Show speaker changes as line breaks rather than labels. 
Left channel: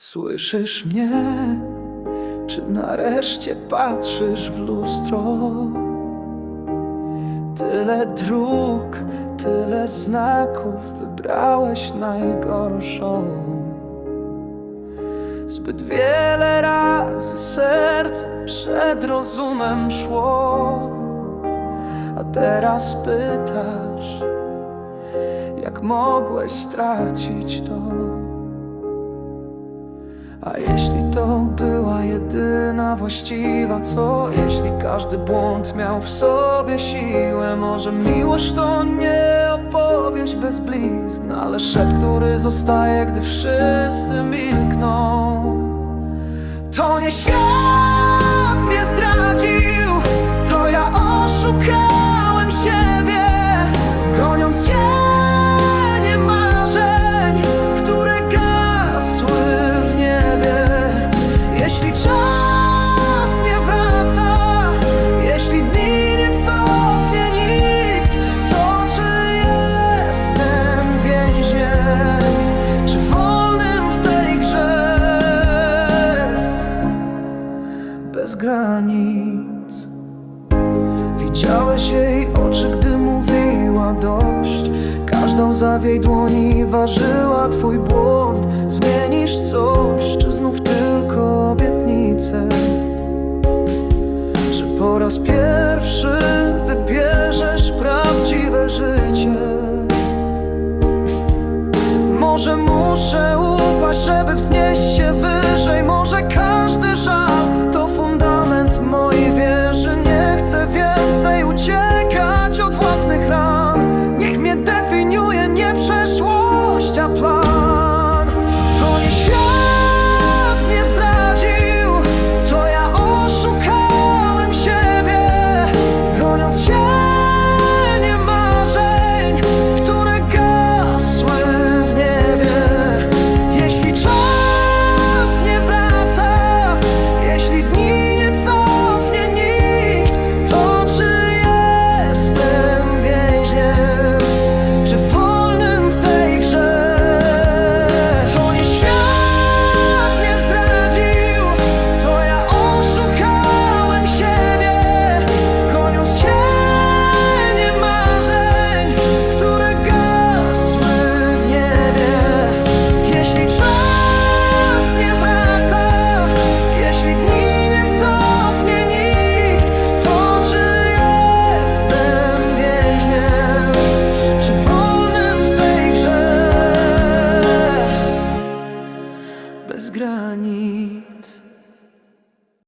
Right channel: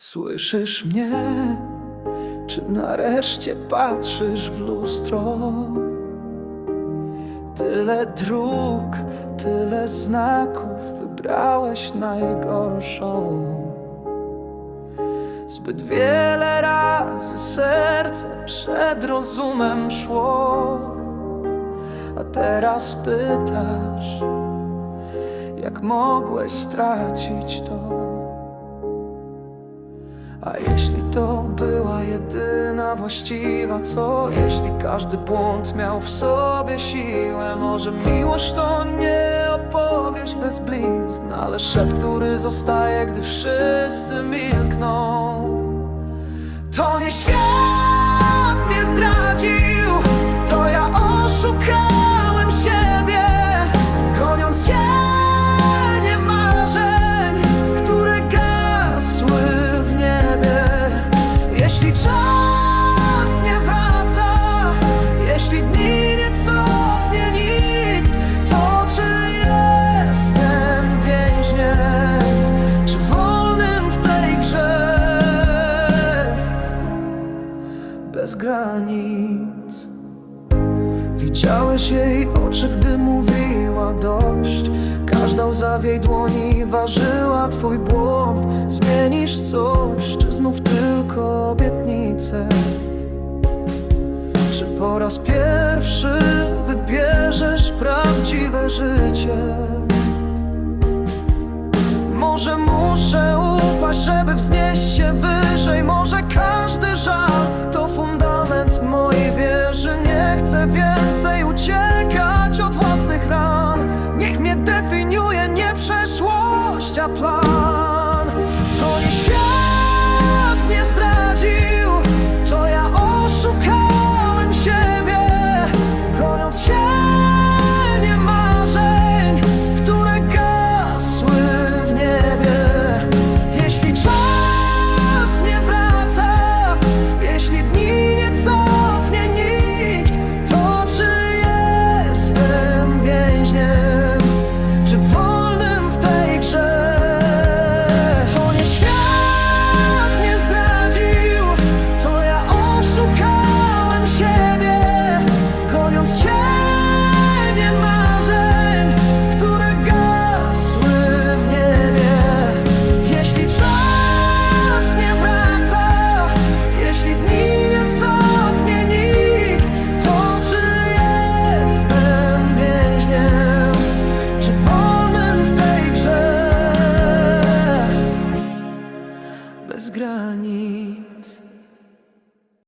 Słyszysz mnie? Czy nareszcie patrzysz w lustro? Tyle dróg, tyle znaków, wybrałeś najgorszą. Zbyt wiele razy serce przed rozumem szło, a teraz pytasz, jak mogłeś stracić to. A jeśli to była jedyna właściwa, co jeśli każdy błąd miał w sobie siłę? Może miłość to nie opowieść bez blizn, ale szept, który zostaje, gdy wszyscy milkną. To nie świat granic. Widziałeś jej oczy, gdy mówiła dość. Każda łza w jej dłoni ważyła twój błąd. Zmienisz coś, czy znów tylko obietnicę? Czy po raz pierwszy wybierzesz prawdziwe życie? Może muszę upaść, żeby wznieść się wyżej Może każdy żal to fundament mojej wieży. Nie chcę więcej uciekać od własnych ran. Niech mnie definiuje nie przeszłość, a plan Bez granic